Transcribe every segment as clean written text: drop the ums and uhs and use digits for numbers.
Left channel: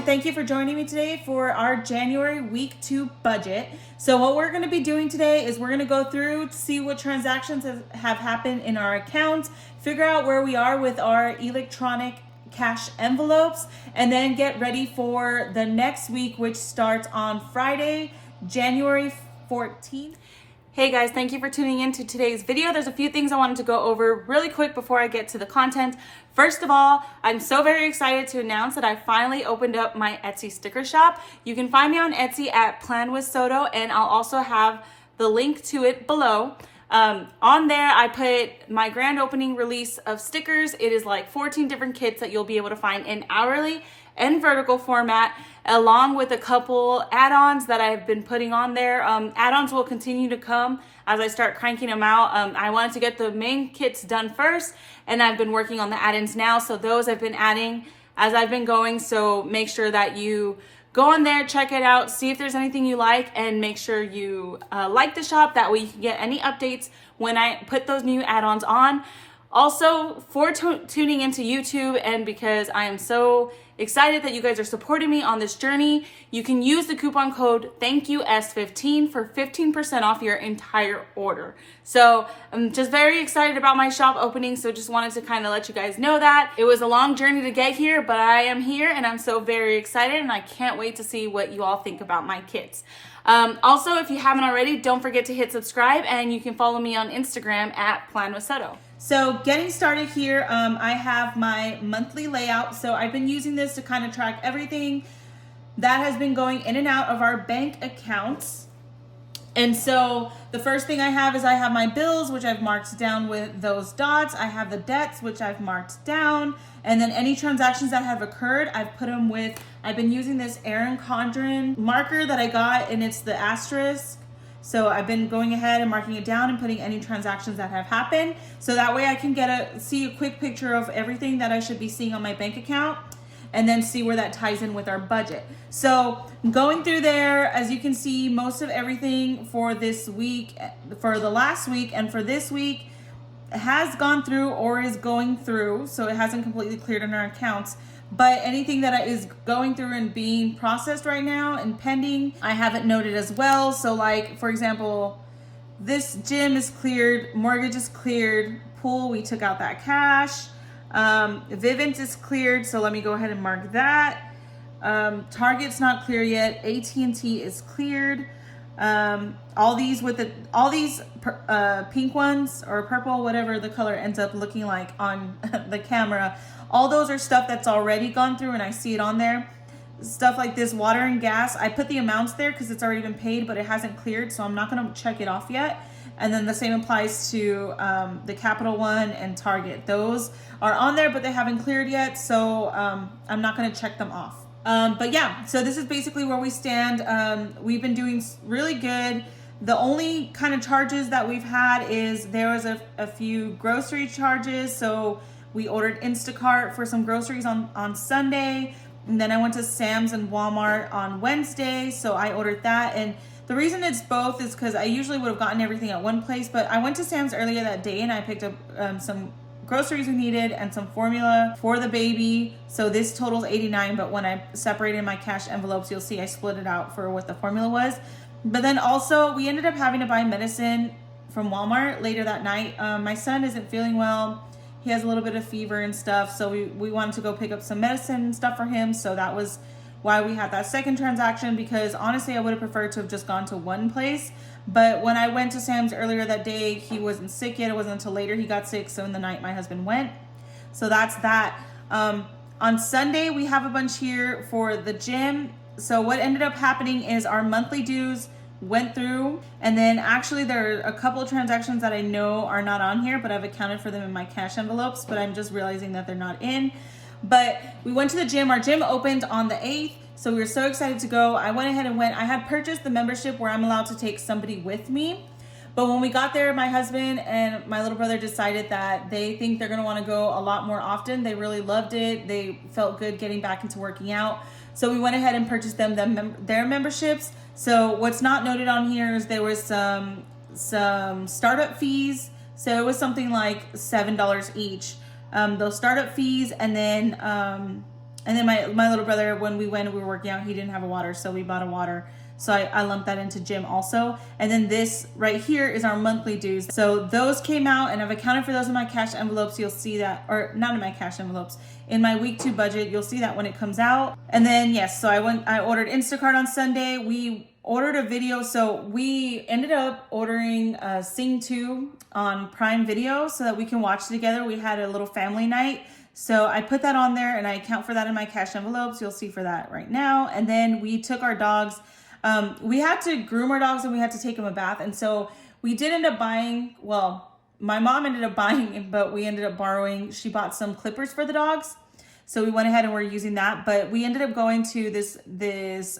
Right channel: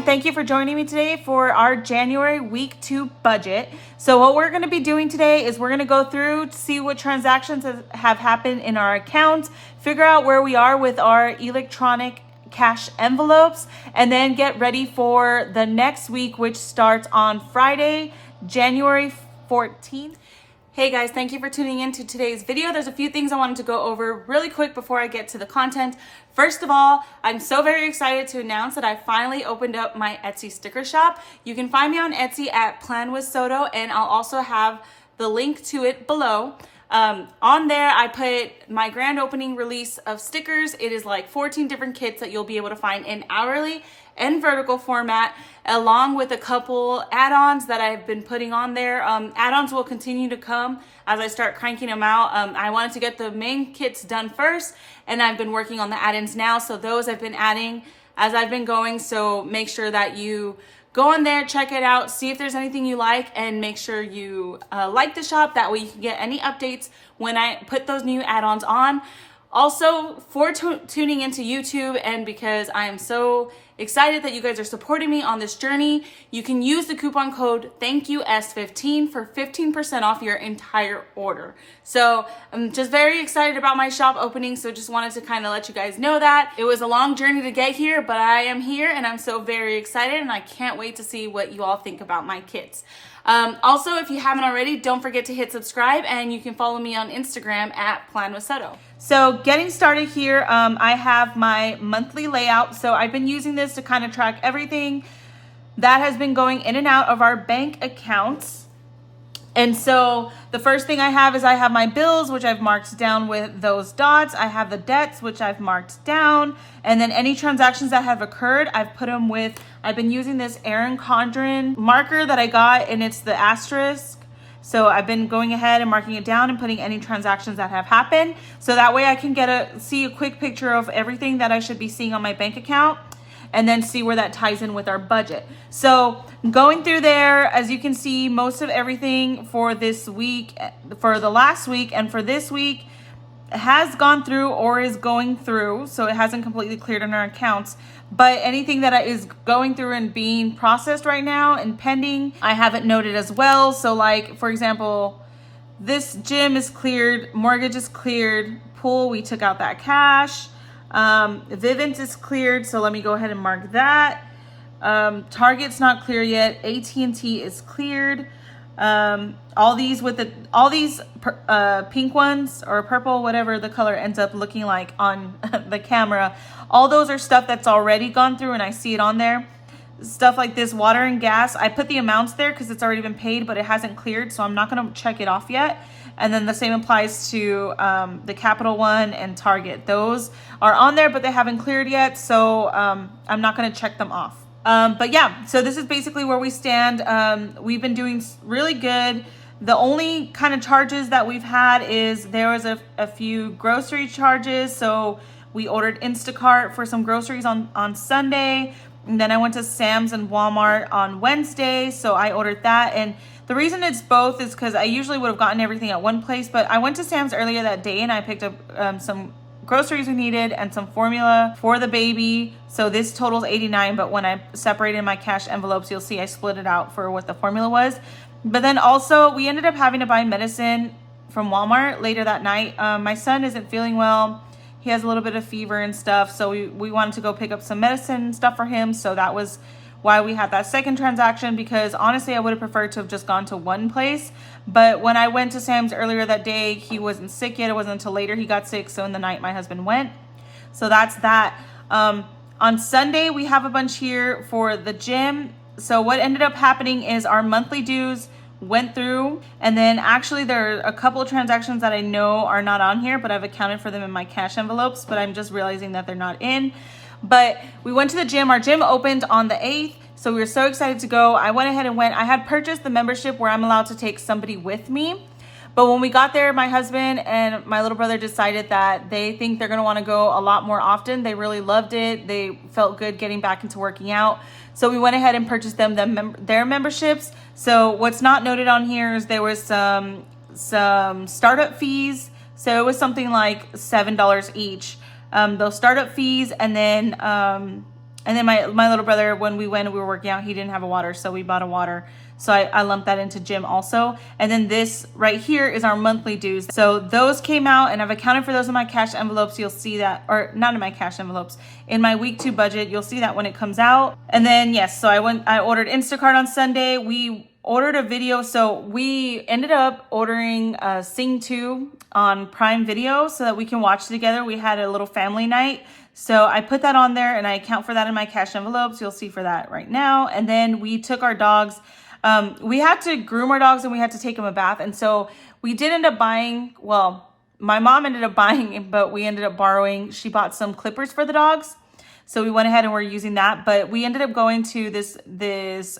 and thank you for joining me today for our January week 2 budget. So what we're going to be doing today is we're going to go through to see what transactions have happened in our accounts, figure out where we are with our electronic cash envelopes, and then get ready for the next week, which starts on Friday, January 14th. Hey guys, thank you for tuning in to today's video. There's a few things I wanted to go over really quick before I get to the content. First of all, I'm so very excited to announce that I finally opened up my Etsy sticker shop. You can find me on Etsy at Plan with Soto, and I'll also have the link to it below. On there, I put my grand opening release of stickers. It is like 14 different kits that you'll be able to find in hourly and vertical format, along with a couple add-ons that I've been putting on there. Add-ons will continue to come as I start cranking them out. I wanted to get the main kits done first, and I've been working on the add-ins now. So those I've been adding as I've been going. So make sure that you go on there, check it out, see if there's anything you like, and make sure you like the shop. That way you can get any updates when I put those new add-ons on. Also, for tuning into YouTube, and because I am so excited that you guys are supporting me on this journey, you can use the coupon code THANKYOUS15 for 15% off your entire order. So I'm just very excited about my shop opening, so just wanted to kind of let you guys know that. It was a long journey to get here, but I am here and I'm so very excited, and I can't wait to see what you all think about my kits. Also, if you haven't already, don't forget to hit subscribe, and you can follow me on Instagram at Plan with Soto. So getting started here, I have my monthly layout. So I've been using this to kind of track everything that has been going in and out of our bank accounts. And so the first thing I have is I have my bills, which I've marked down with those dots. I have the debts, which I've marked down. And then any transactions that have occurred, I've put them with, I've been using this Erin Condren marker that I got, and it's the asterisk. So I've been going ahead and marking it down and putting any transactions that have happened. So that way I can see a quick picture of everything that I should be seeing on my bank account, and then see where that ties in with our budget. So going through there, as you can see, most of everything for this week, for the last week and for this week, has gone through or is going through. So it hasn't completely cleared in our accounts. But anything that is going through and being processed right now and pending, I haven't noted as well. So like, for example, this gym is cleared, mortgage is cleared, pool, we took out that cash. Vivint is cleared, so let me go ahead and mark that. Target's not clear yet. AT&T is cleared. All these pink ones or purple, whatever the color ends up looking like on the camera, all those are stuff that's already gone through and I see it on there. Stuff like this, water and gas, I put the amounts there because it's already been paid, but it hasn't cleared, so I'm not going to check it off yet. And then the same applies to the Capital One and Target. Those are on there, but they haven't cleared yet, so I'm not going to check them off. But yeah, so this is basically where we stand. We've been doing really good. The only kind of charges that we've had is there was a few grocery charges. So we ordered Instacart for some groceries on Sunday. And then I went to Sam's and Walmart on Wednesday. So I ordered that. And the reason it's both is because I usually would have gotten everything at one place. But I went to Sam's earlier that day and I picked up some groceries we needed and some formula for the baby. So this totals $89, but when I separated my cash envelopes, you'll see I split it out for what the formula was. But then also we ended up having to buy medicine from Walmart later that night. My son isn't feeling well. He has a little bit of fever and stuff. So we wanted to go pick up some medicine and stuff for him. So that was why we had that second transaction, because honestly, I would have preferred to have just gone to one place. But when I went to Sam's earlier that day, he wasn't sick yet. It wasn't until later he got sick. So in the night, my husband went. So that's that. On Sunday, we have a bunch here for the gym. So what ended up happening is our monthly dues went through, and then actually there are a couple of transactions that I know are not on here, but I've accounted for them in my cash envelopes, but I'm just realizing that they're not in. But we went to the gym. Our gym opened on the 8th. So we were so excited to go. I went ahead and went. I had purchased the membership where I'm allowed to take somebody with me. But when we got there, my husband and my little brother decided that they think they're going to want to go a lot more often. They really loved it. They felt good getting back into working out. So we went ahead and purchased them their memberships. So what's not noted on here is there was some startup fees. So it was something like $7 each. Those startup fees, and then And then my little brother, when we were working out, he didn't have a water, so we bought a water. So I lumped that into gym also. And then this right here is our monthly dues. So those came out, and I've accounted for those in my cash envelopes. You'll see that, or not in my cash envelopes, in my week 2 budget. You'll see that when it comes out. And then yes, so I ordered Instacart on Sunday. We ordered a video. So we ended up ordering Sing 2 on Prime Video so that we can watch together. We had a little family night. So I put that on there, and I account for that in my cash envelopes. You'll see for that right now. And then we took our dogs. We had to groom our dogs, and we had to take them a bath. And so we did end up buying, well, my mom ended up buying, but we ended up borrowing. She bought some clippers for the dogs. So we went ahead and we're using that. But we ended up going to this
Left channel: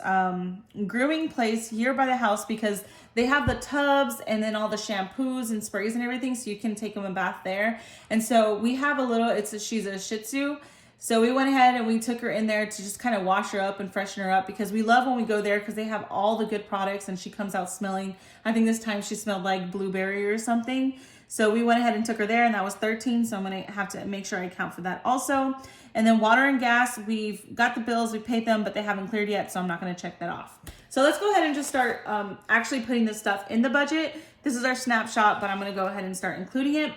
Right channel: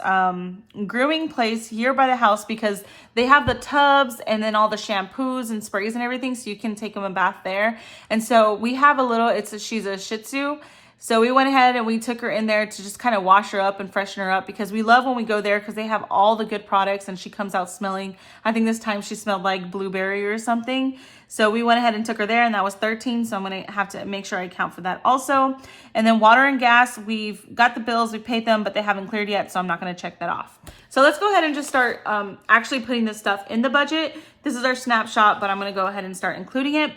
grooming place here by the house because they have the tubs and then all the shampoos and sprays and everything. So you can take them a bath there. And so we have a little, she's a Shih Tzu. So we went ahead and we took her in there to just kind of wash her up and freshen her up because we love when we go there because they have all the good products and she comes out smelling. I think this time she smelled like blueberry or something. So we went ahead and took her there, and that was $13. So I'm going to have to make sure I account for that also. And then water and gas, we've got the bills, we paid them, but they haven't cleared yet. So I'm not going to check that off. So let's go ahead and just start actually putting this stuff in the budget. This is our snapshot, but I'm going to go ahead and start including it.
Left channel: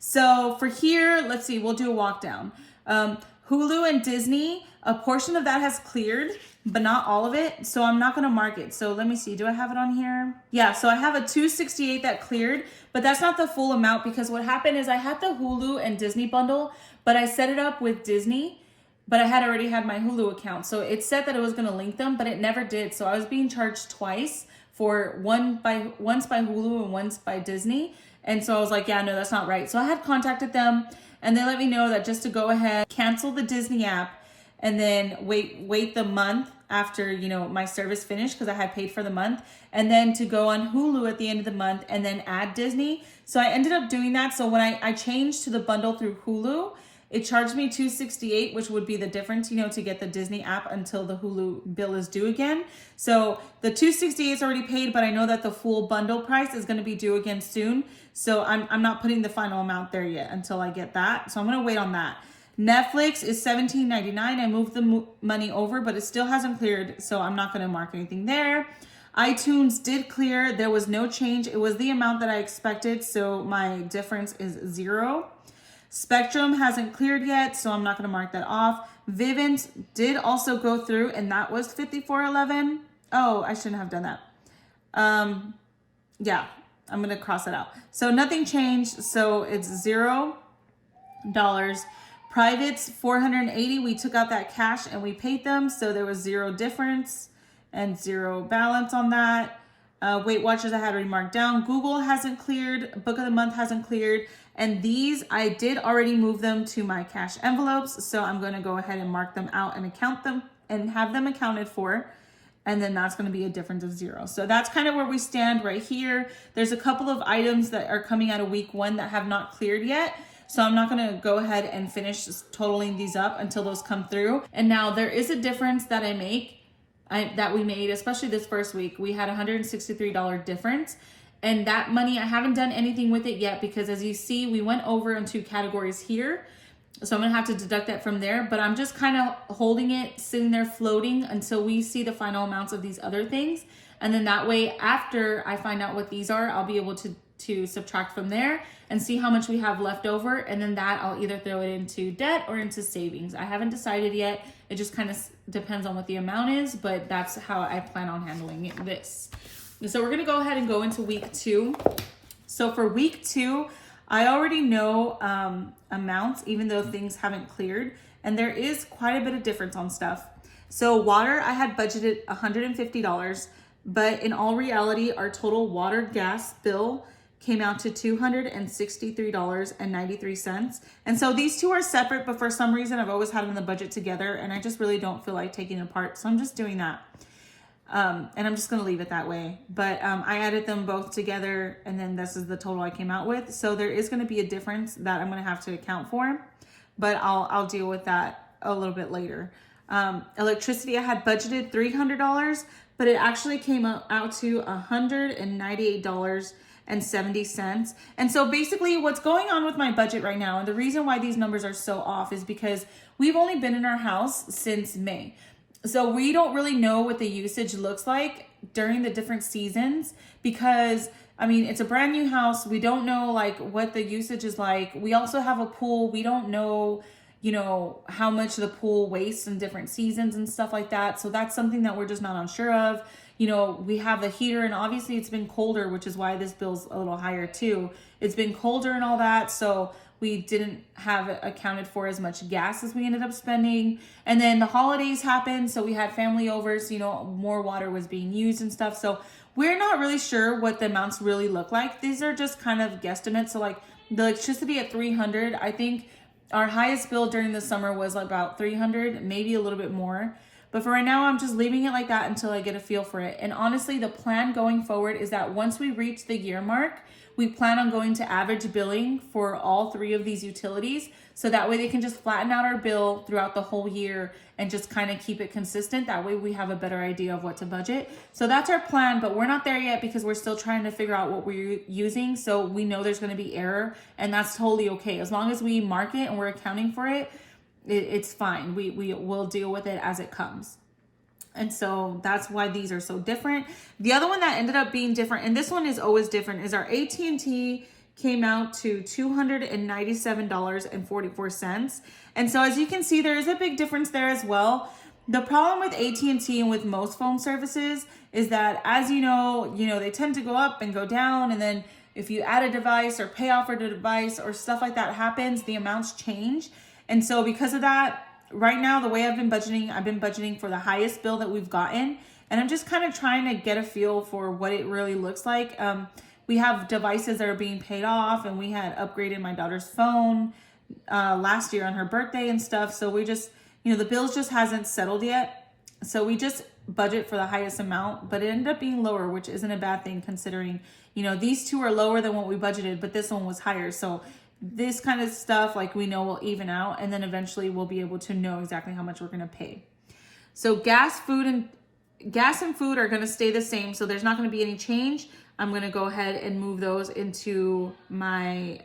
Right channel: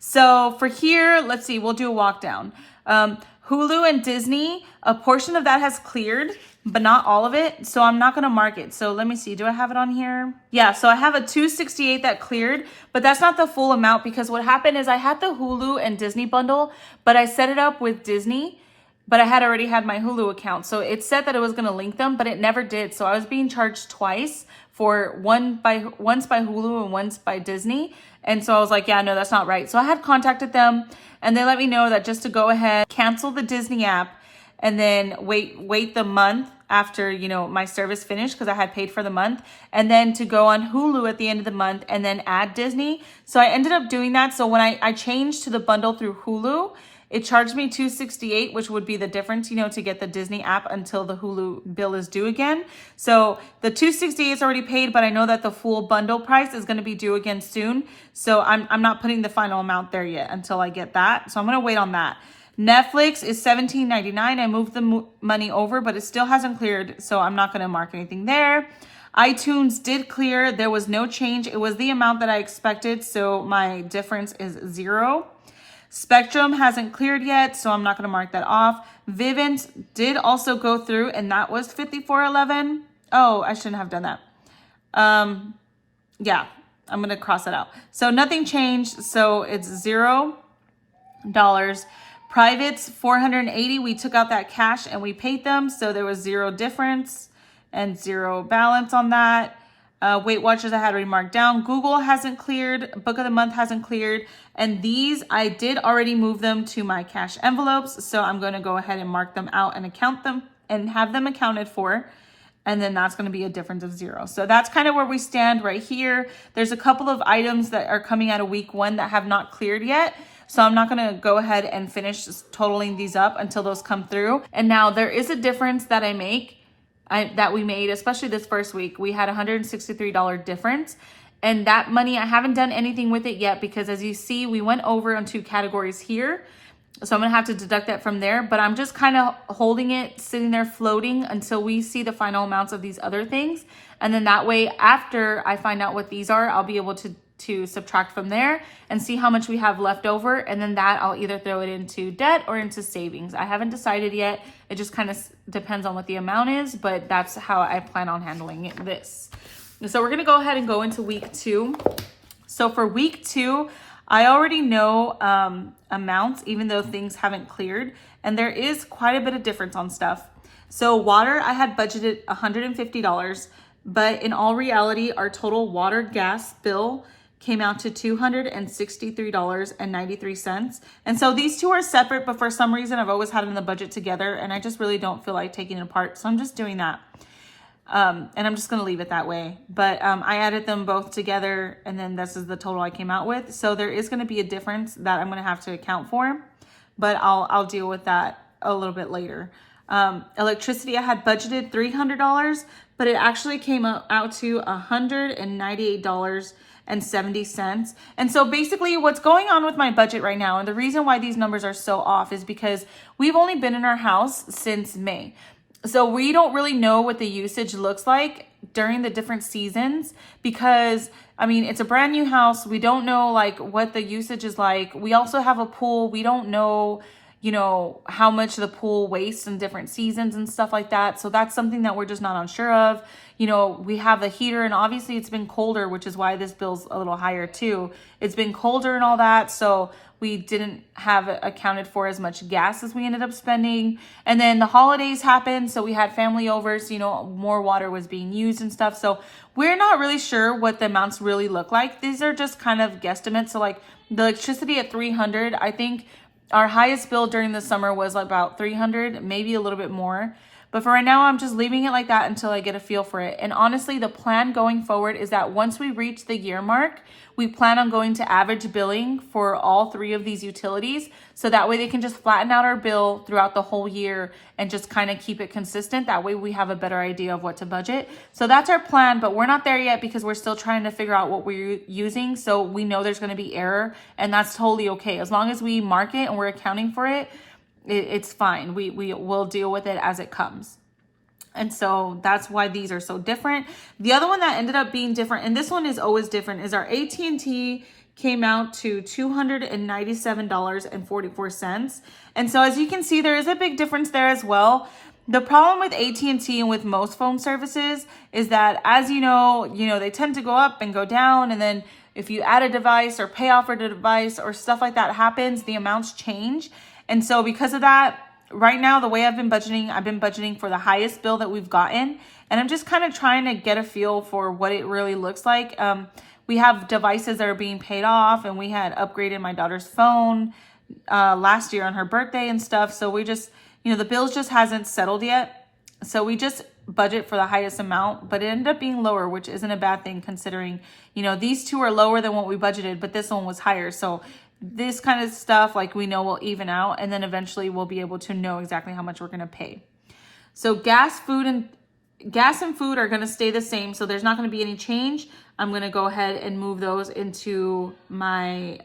So for here, let's see, we'll do a walk down. Hulu and Disney, a portion of that has cleared, but not all of it. So I'm not going to mark it. So let me see. Do I have it on here? Yeah. So I have a $268 that cleared, but that's not the full amount because what happened is I had the Hulu and Disney bundle, but I set it up with Disney, but I had already had my Hulu account. So it said that it was going to link them, but it never did. So I was being charged twice for once by Hulu and once by Disney. And so I was like, yeah, no, that's not right. So I had contacted them, and they let me know that just to go ahead, cancel the Disney app, and then wait the month after, my service finished because I had paid for the month, and then to go on Hulu at the end of the month and then add Disney. So I ended up doing that. So when I changed to the bundle through Hulu, it charged me $268, which would be the difference, to get the Disney app until the Hulu bill is due again. So the $268 is already paid, but I know that the full bundle price is going to be due again soon. So I'm not putting the final amount there yet until I get that. So I'm going to wait on that. Netflix is $17.99. I moved the money over, but it still hasn't cleared, so I'm not going to mark anything there. iTunes did clear. There was no change. It was the amount that I expected, so my difference is 0. Spectrum hasn't cleared yet, so I'm not going to mark that off. Vivint did also go through, and that was $54.11. Oh, I shouldn't have done that. Yeah, I'm going to cross that out. So nothing changed, so it's $0. Privates, $480. We took out that cash and we paid them, so there was 0 difference and 0 balance on that. Weight Watchers I had already marked down. Google hasn't cleared. Book of the Month hasn't cleared. And these, I did already move them to my cash envelopes, so I'm going to go ahead and mark them out and account them and have them accounted for. And then that's going to be a difference of 0. So that's kind of where we stand right here. There's a couple of items that are coming out of week 1 that have not cleared yet. So I'm not going to go ahead and finish totaling these up until those come through. And now there is a difference that that we made, especially this first week. We had $163 difference. And that money, I haven't done anything with it yet because as you see, we went over on 2 categories here. So I'm going to have to deduct that from there. But I'm just kind of holding it, sitting there floating until we see the final amounts of these other things. And then that way, after I find out what these are, I'll be able to subtract from there and see how much we have left over. And then that I'll either throw it into debt or into savings. I haven't decided yet. It just kind of depends on what the amount is, but that's how I plan on handling this. So we're going to go ahead and go into week 2. So for week 2, I already know amounts, even though things haven't cleared. And there is quite a bit of difference on stuff. So water, I had budgeted $150, but in all reality, our total water gas bill came out to $263.93. And so these two are separate, but for some reason I've always had them in the budget together and I just really don't feel like taking it apart. So I'm just doing that. And I'm just going to leave it that way. But I added them both together and then this is the total I came out with. So there is going to be a difference that I'm going to have to account for, but I'll deal with that a little bit later. Electricity, I had budgeted $300, but it actually came out to $198 $2.70. And so basically what's going on with my budget right now, and the reason why these numbers are so off, is because we've only been in our house since May. So we don't really know what the usage looks like during the different seasons, because I mean, it's a brand new house. We don't know like what the usage is like. We also have a pool. We don't know, you know, how much the pool wastes in different seasons and stuff like that. So that's something that we're just not unsure of. You know, we have the heater, and obviously it's been colder, which is why this bill's a little higher too. It's been colder and all that. So we didn't have accounted for as much gas as we ended up spending. And then the holidays happened, so we had family over, so, you know, more water was being used and stuff. So we're not really sure what the amounts really look like. These are just kind of guesstimates. So like the electricity at 300, I think our highest bill during the summer was about 300, maybe a little bit more. But for right now, I'm just leaving it like that until I get a feel for it. And honestly, the plan going forward is that once we reach the year mark, we plan on going to average billing for all three of these utilities. So that way they can just flatten out our bill throughout the whole year and just kind of keep it consistent. That way we have a better idea of what to budget. So that's our plan, but we're not there yet because we're still trying to figure out what we're using. So we know there's going to be error, and that's totally okay. As long as we mark it and we're accounting for it, it's fine. We will deal with it as it comes. And so that's why these are so different. The other one that ended up being different, and this one is always different, is our AT&T came out to $297.44. And so as you can see, there is a big difference there as well. The problem with AT&T and with most phone services is that, as you know, they tend to go up and go down. And then if you add a device or pay off for the device or stuff like that happens, the amounts change. And so because of that, right now, the way I've been budgeting for the highest bill that we've gotten. And I'm just kind of trying to get a feel for what it really looks like. We have devices that are being paid off, and we had upgraded my daughter's phone last year on her birthday and stuff. So we just, the bills just hasn't settled yet. So we just budget for the highest amount, but it ended up being lower, which isn't a bad thing considering, these two are lower than what we budgeted, but this one was higher. So this kind of stuff, like, we know will even out, and then eventually we'll be able to know exactly how much we're going to pay. So gas and food are going to stay the same. So there's not going to be any change. I'm going to go ahead and move those into my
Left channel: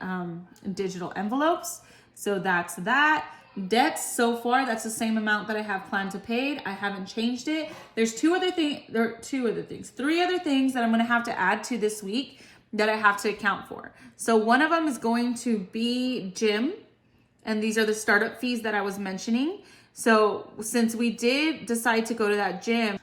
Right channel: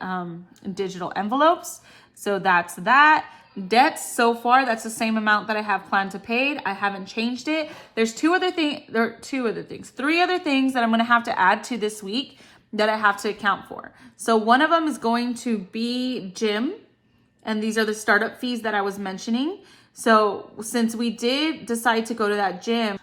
digital envelopes. So that's that. Debts so far, that's the same amount that I have planned to pay. I haven't changed it. There's three other things that I'm going to have to add to this week that I have to account for. So one of them is going to be gym, and these are the startup fees that I was mentioning. So since we did decide to go to that gym,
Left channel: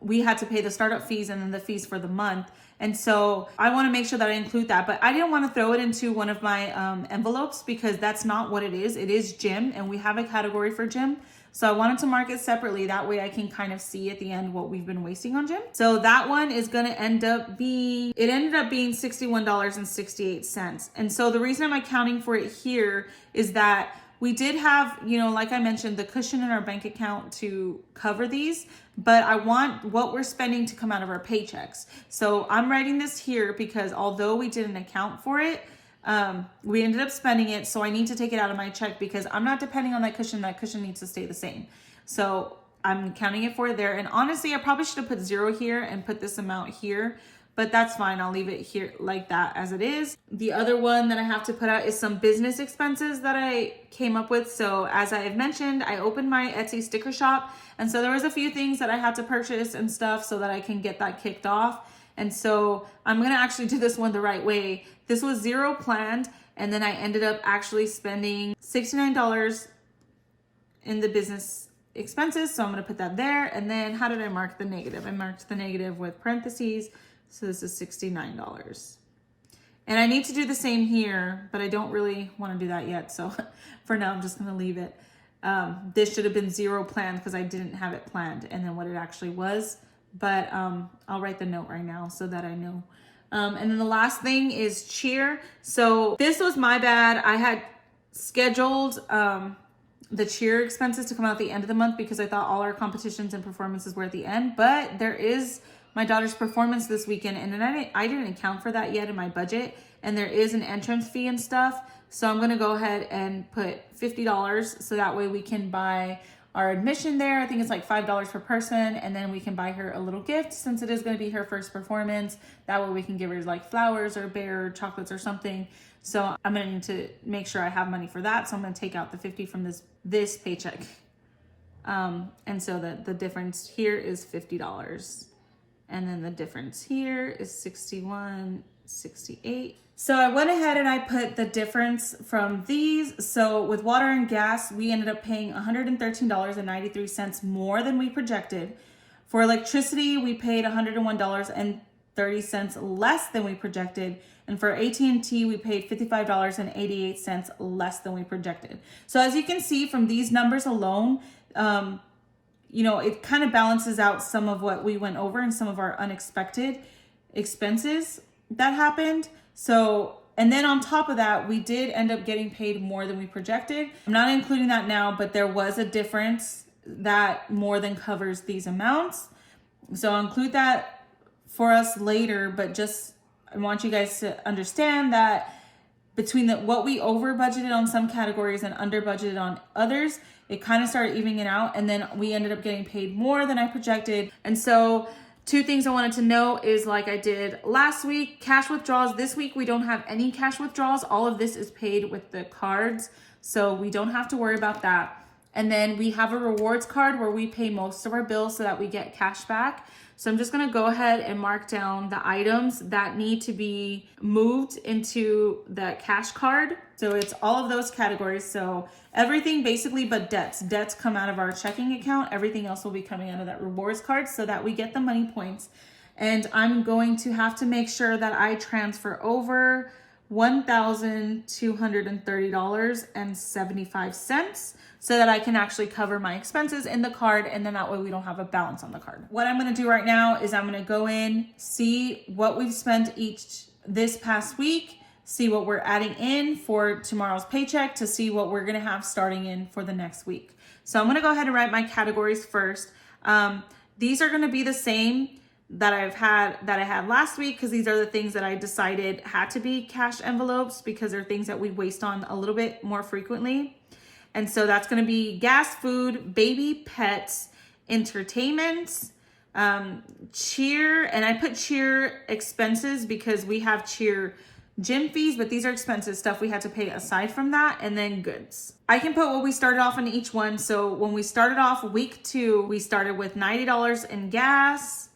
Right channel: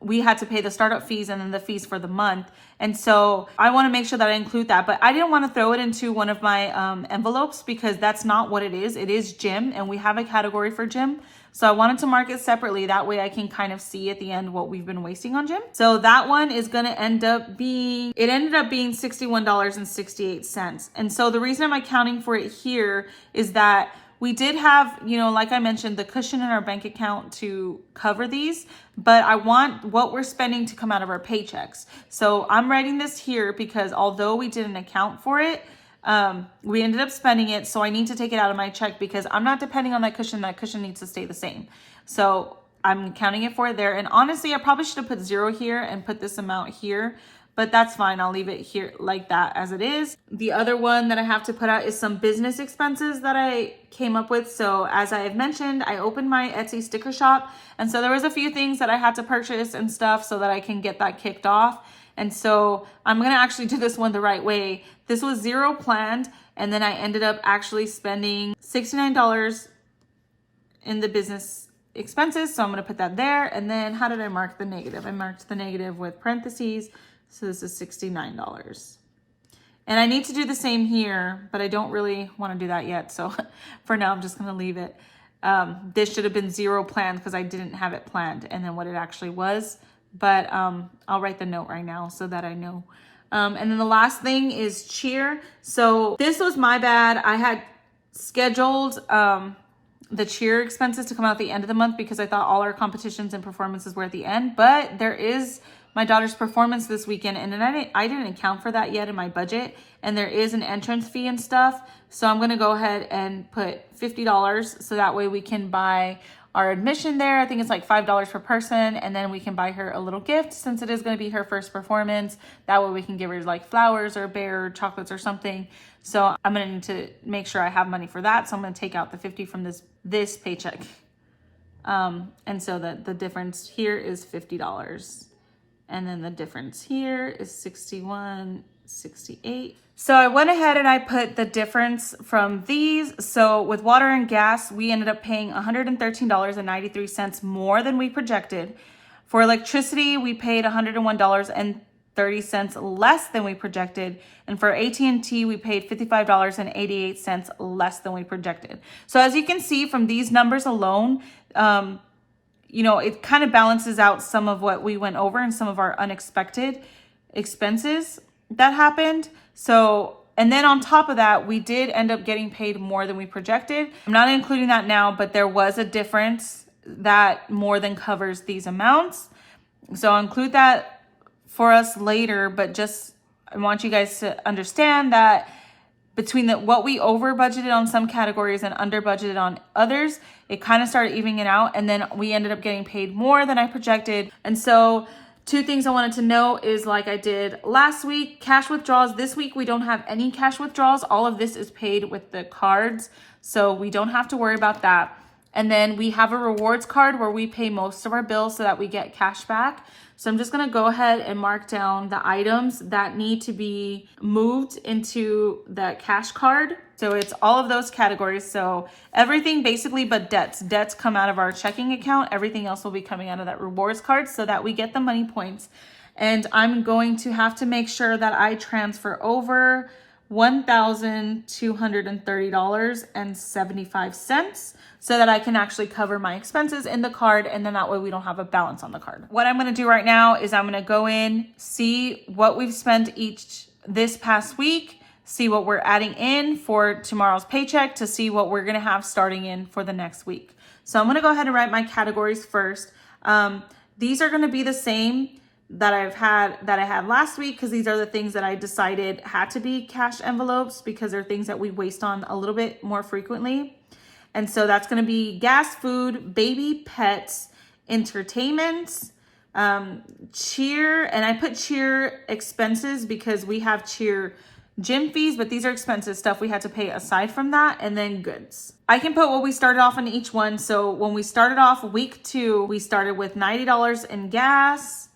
we had to pay the startup fees and then the fees for the month. And so I want to make sure that I include that, but I didn't want to throw it into one of my envelopes because that's not what it is. It is gym, and we have a category for gym. So I wanted to mark it separately. That way I can kind of see at the end what we've been wasting on gym. So that one is going to ended up being $61.68. And so the reason I'm accounting for it here is that we did have, like I mentioned, the cushion in our bank account to cover these, but I want what we're spending to come out of our paychecks. So I'm writing this here because although we didn't account for it, we ended up spending it. So I need to take it out of my check because I'm not depending on that cushion. That cushion needs to stay the same. So I'm counting it for it there. And honestly, I probably should have put 0 here and put this amount here, but that's fine. I'll leave it here like that as it is. The other one that I have to put out is some business expenses that I came up with. So as I have mentioned, I opened my Etsy sticker shop. And so there was a few things that I had to purchase and stuff so that I can get that kicked off. And so I'm going to actually do this one the right way. This was 0 planned, and then I ended up actually spending $69 in the business expenses. So I'm going to put that there. And then how did I mark the negative? I marked the negative with parentheses. So this is $69. And I need to do the same here, but I don't really want to do that yet. So for now, I'm just going to leave it. This should have been 0 planned because I didn't have it planned, and then what it actually was. But I'll write the note right now so that I know. And then the last thing is cheer. So this was my bad. I had scheduled the cheer expenses to come out at the end of the month because I thought all our competitions and performances were at the end. But there is my daughter's performance this weekend, and then I didn't account for that yet in my budget. And there is an entrance fee and stuff. So I'm going to go ahead and put $50 so that way we can buy our admission there. I think it's like $5 per person. And then we can buy her a little gift since it is going to be her first performance. That way we can give her like flowers or a bear or chocolates or something. So I'm going to need to make sure I have money for that. So I'm going to take out the 50 from this paycheck. And so the difference here is $50. And then the difference here is $61.68. So I went ahead and I put the difference from these. So with water and gas, we ended up paying $113.93 more than we projected. For electricity, we paid $101.30 less than we projected. And for AT&T, we paid $55.88 less than we projected. So as you can see from these numbers alone, it kind of balances out some of what we went over and some of our unexpected expenses that happened. So, and then on top of that, we did end up getting paid more than we projected. I'm not including that now, but there was a difference that more than covers these amounts. So I'll include that for us later, but just I want you guys to understand that between what we over budgeted on some categories and under budgeted on others, it kind of started evening it out. And then we ended up getting paid more than I projected. And so 2 things I wanted to know is, like I did last week, cash withdrawals. This week, we don't have any cash withdrawals. All of this is paid with the cards, so we don't have to worry about that. And then we have a rewards card where we pay most of our bills so that we get cash back. So I'm just gonna go ahead and mark down the items that need to be moved into the cash card. So it's all of those categories. So everything basically but debts. Debts come out of our checking account. Everything else will be coming out of that rewards card so that we get the money points. And I'm going to have to make sure that I transfer over $1,230.75 so that I can actually cover my expenses in the card, and then that way we don't have a balance on the card. What I'm gonna do right now is I'm gonna go in, see what we've spent this past week, see what we're adding in for tomorrow's paycheck to see what we're gonna have starting in for the next week. So I'm gonna go ahead and write my categories first. These are gonna be the same that I had last week, because these are the things that I decided had to be cash envelopes because they're things that we waste on a little bit more frequently. And so that's going to be gas, food, baby, pets, entertainment, cheer. And I put cheer expenses because we have cheer gym fees, but these are expenses, stuff we had to pay aside from that, and then goods. I can put what we started off in each one. So when we started off week 2, we started with $90 in gas.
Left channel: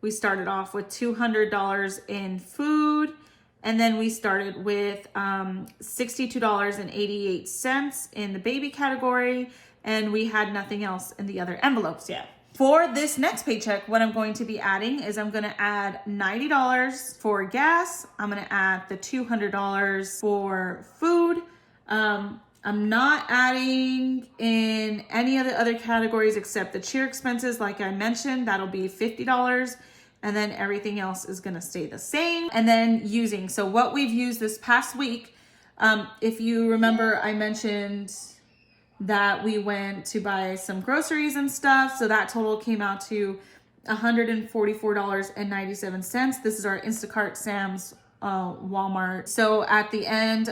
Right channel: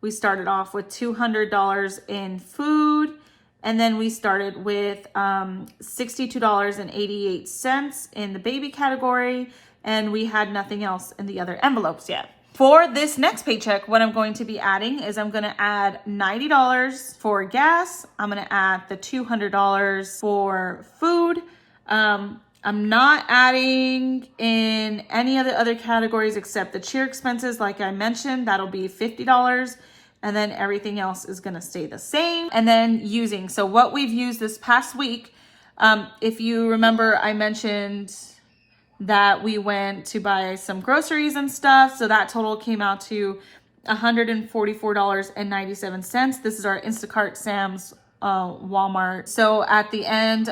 We started off with $200 in food. And then we started with $62.88 in the baby category. And we had nothing else in the other envelopes yet. For this next paycheck, what I'm going to be adding is I'm going to add $90 for gas. I'm going to add the $200 for food. I'm not adding in any of the other categories except the cheer expenses. Like I mentioned, that'll be $50. And then everything else is gonna stay the same. And then using, so what we've used this past week, if you remember, I mentioned that we went to buy some groceries and stuff. So that total came out to $144.97. This is our Instacart, Sam's, Walmart. So at the end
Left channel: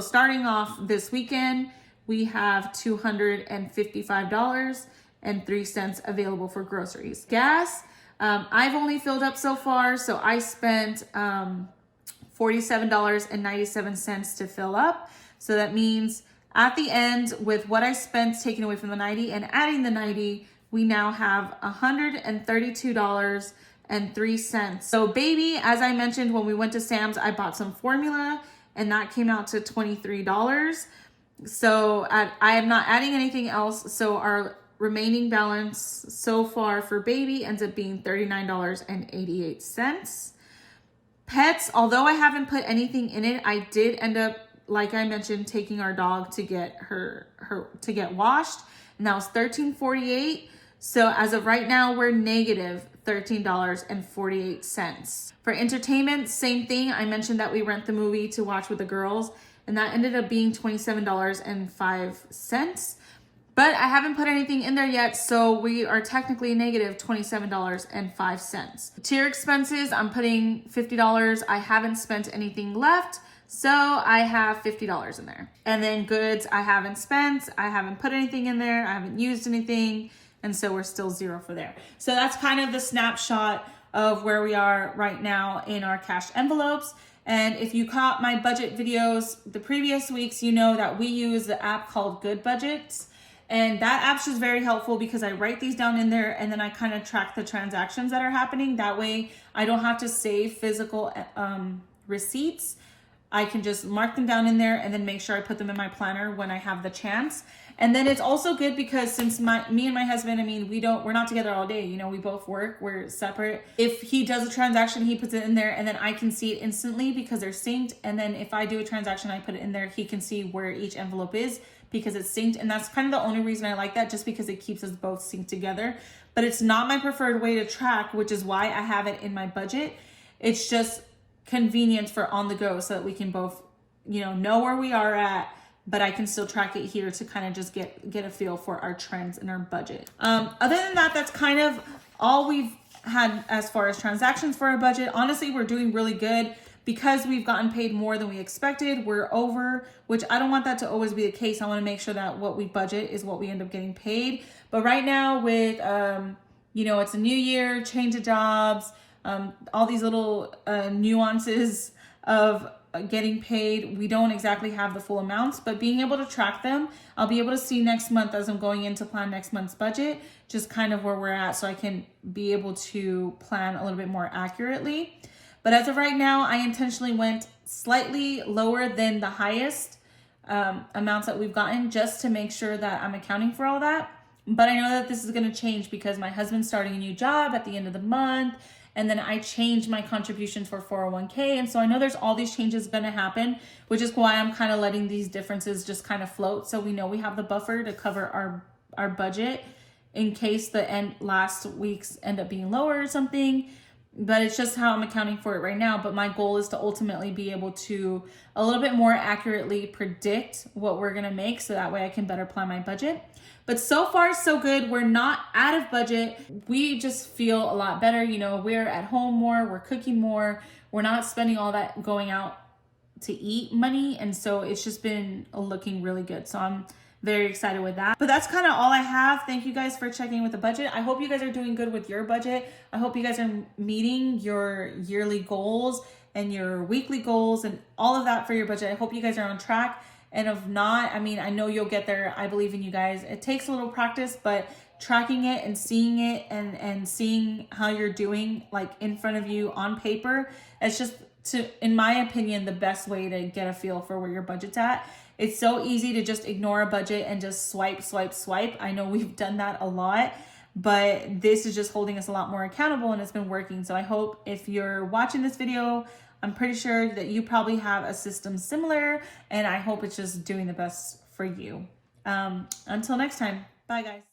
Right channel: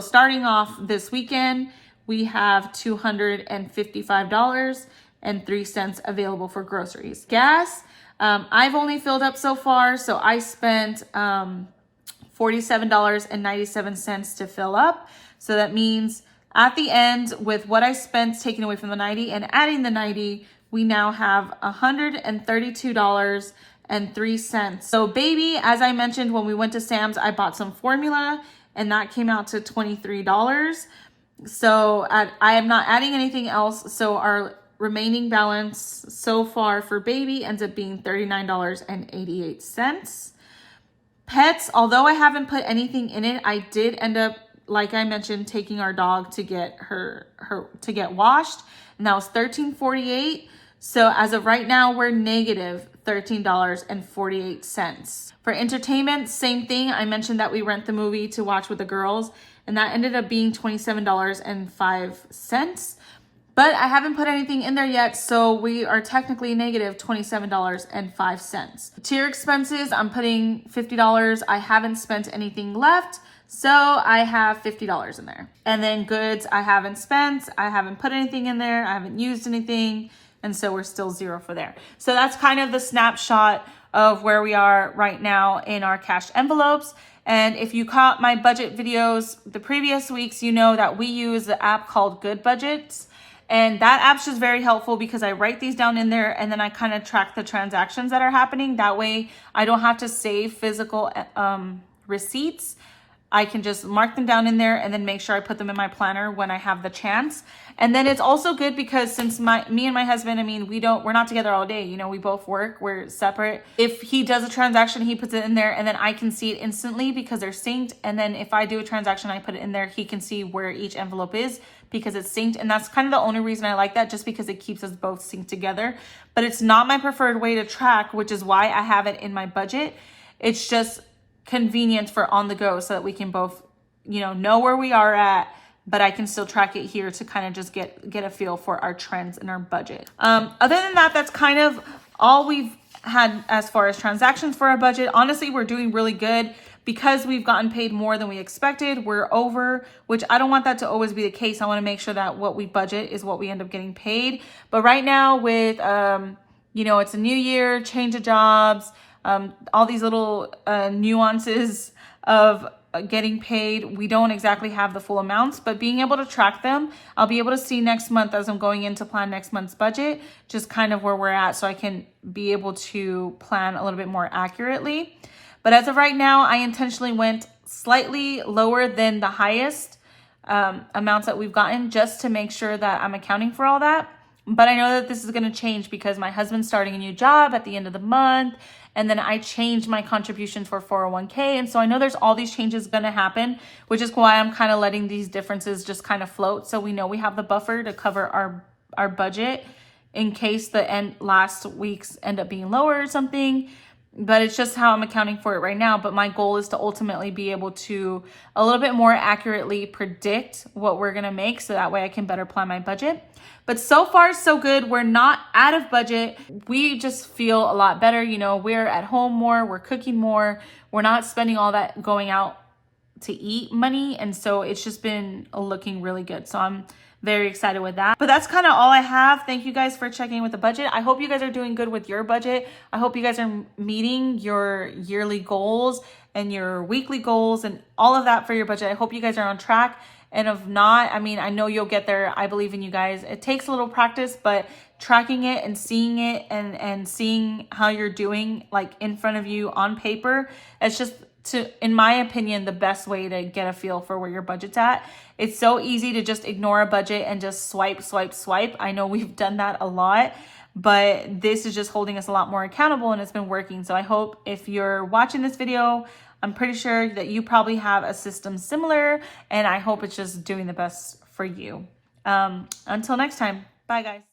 starting off this weekend, we have $255.03 available for groceries. Gas, I've only filled up so far, so I spent $47.97 to fill up. So that means at the end, with what I spent taking away from the 90 and adding the 90, we now have $132.03. So baby, as I mentioned, when we went to Sam's, I bought some formula and that came out to $23. So I am not adding anything else. So our remaining balance so far for baby ends up being $39.88. Pets, although I haven't put anything in it, I did end up, like I mentioned, taking our dog to get her to get washed, and that was $13.48. So as of right now, we're negative $13.48. For entertainment, same thing. I mentioned that we rent the movie to watch with the girls, and that ended up being $27.05. But I haven't put anything in there yet, so we are technically negative $27.05. Tier expenses, I'm putting $50. I haven't spent anything left, So I have $50 in there. And then goods I haven't spent, I haven't put anything in there, I haven't used anything. And so we're still zero for there. So that's kind of the snapshot of where we are right now in our cash envelopes. And if you caught my budget videos the previous weeks, you know that we use the app called Good Budgets. And that app's just very helpful because I write these down in there and then I kind of track the transactions that are happening. That way I don't have to save physical receipts. I can just mark them down in there and then make sure I put them in my planner when I have the chance. And then it's also good because since me and my husband, I mean, we're not together all day. You know, we both work, we're separate. If he does a transaction, he puts it in there and then I can see it instantly because they're synced. And then if I do a transaction, I put it in there, he can see where each envelope is because it's synced. And that's kind of the only reason I like that, just because it keeps us both synced together. But it's not my preferred way to track, which is why I have it in my budget. It's just convenient for on the go so that we can both, you know where we are at, but I can still track it here to kind of just get a feel for our trends and our budget. Other than that, that's kind of all we've had as far as transactions for our budget. Honestly, we're doing really good because we've gotten paid more than we expected. We're over, which I don't want that to always be the case. I want to make sure that what we budget is what we end up getting paid. But right now with, it's a new year, change of jobs, all these little nuances of getting paid, we don't exactly have the full amounts, but being able to track them, I'll be able to see next month as I'm going in to plan next month's budget, just kind of where we're at so I can be able to plan a little bit more accurately. But as of right now, I intentionally went slightly lower than the highest amounts that we've gotten just to make sure that I'm accounting for all that. But I know that this is going to change because my husband's starting a new job at the end of the month. And then I changed my contributions for 401k. And so I know there's all these changes going to happen, which is why I'm kind of letting these differences just kind of float. So we know we have the buffer to cover our budget in case the last weeks end up being lower or something. But it's just how I'm accounting for it right now. But my goal is to ultimately be able to a little bit more accurately predict what we're going to make so that way I can better plan my budget. But so far, so good. We're not out of budget. We just feel a lot better. We're at home more, we're cooking more. We're not spending all that going out to eat money. And so it's just been looking really good. So I'm very excited with that. But that's kind of all I have. Thank you guys for checking in with the budget. I hope you guys are doing good with your budget. I hope you guys are meeting your yearly goals and your weekly goals and all of that for your budget. I hope you guys are on track. And if not, I mean, I know you'll get there. I believe in you guys. It takes a little practice, but tracking it and seeing it and seeing how you're doing like in front of you on paper, it's just, in my opinion, the best way to get a feel for where your budget's at. It's so easy to just ignore a budget and just swipe. I know we've done that a lot, but this is just holding us a lot more accountable and it's been working. So I hope if you're watching this video, I'm pretty sure that you probably have a system similar, and I hope it's just doing the best for you. Until next time, bye guys.